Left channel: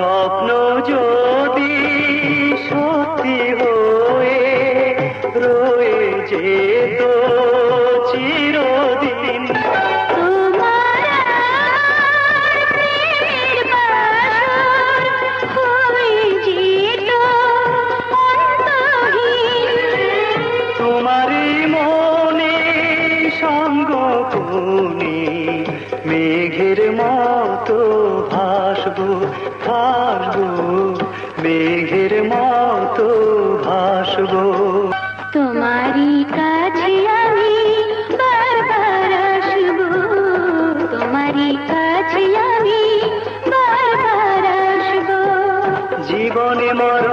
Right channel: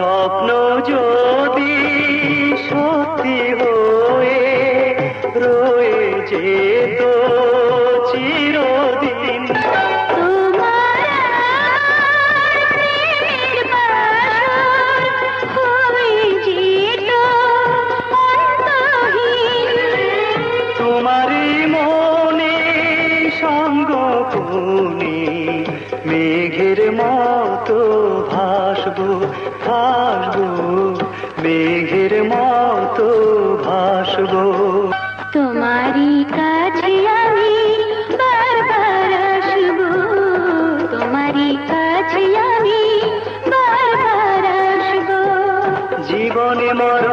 স্বপ্ন যদি সত্যি হয়ে রয়ে যেত চিরদিন, তোমারই মনে সঙ্গ তুমি মেঘের মতো ভাসবো ভাসবো, মেঘের মতো ভাসবো। তোমারই কাছে আমি বারবার আসবো, তোমারই কাছে আমি বারবার আসবো। জীবনে মর